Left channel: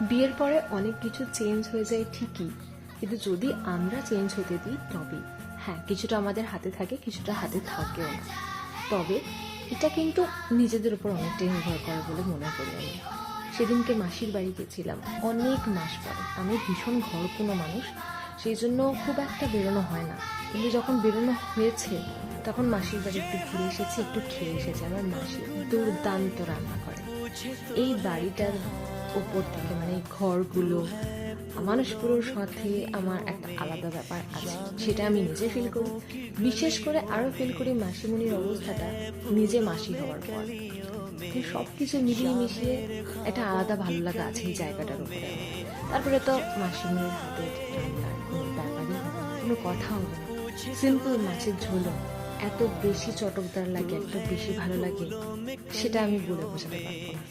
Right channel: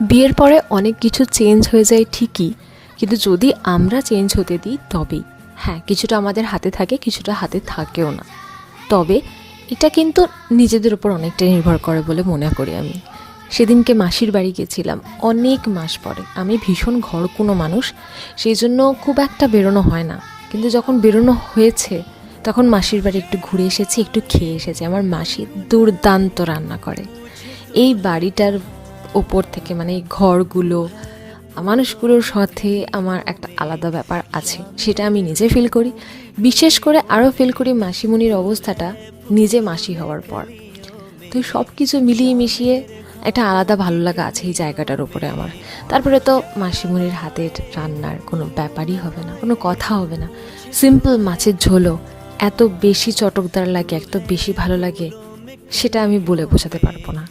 বিয়ের পরে অনেক কিছু চেঞ্জ হয়ে যায় ঠিকই, কিন্তু যদি আমরা চেঞ্জ হতে দিই তবেই। হ্যাঁ, কিছুটা আমাদের হাতে থাকে, কিছুটা হাতে থাকেও না। তবে এটা কিন্তু নিজেদের উপর অনেকটাই নির্ভর করে বলে মনে করি আমি। সেদিনকে মাসির বাড়ি গেছিলাম অনেক মাস পরে। আমি ভীষণ ঘরকুনো মানুষ, সেই জন্য খুব একটা বেরোনো হয় না। কিন্তু যখন বেরোনো হয়েছে তখন মাসির বাড়ি একটু ঘুরে এসেছি, একটু খেয়ে এসেছি। আমার মাসি দুর্দান্ত রান্না করে। এই বাড়িটার ওপর থেকে, মানে এই ঘরগুলো, মানুষগুলোর সাথে আমার একটা আলাদা ব্যাপার আছে, সেটা আমি নিজে ফিল করি। বিশেষ করে আরও ফিল করি মাসিমণির অবস্থাটা নিজে মাসি হওয়ার পর। তো সব কিছু মিলিয়ে মিশিয়ে একটা আলাদা ভালো লাগা আছে এই জায়গাটার উপরে আমার। তারপরে তো মাসিমণির হাতের রান্নার কোনো ব্যাপারই হবে না, কোনো কথা হবে না। সিম্পল মাছের ঝোলও এত বেশি চটকদার লাগে, এত বেশি ভালো লাগে, সেটা আমি বলে বোঝাতে পারবো না।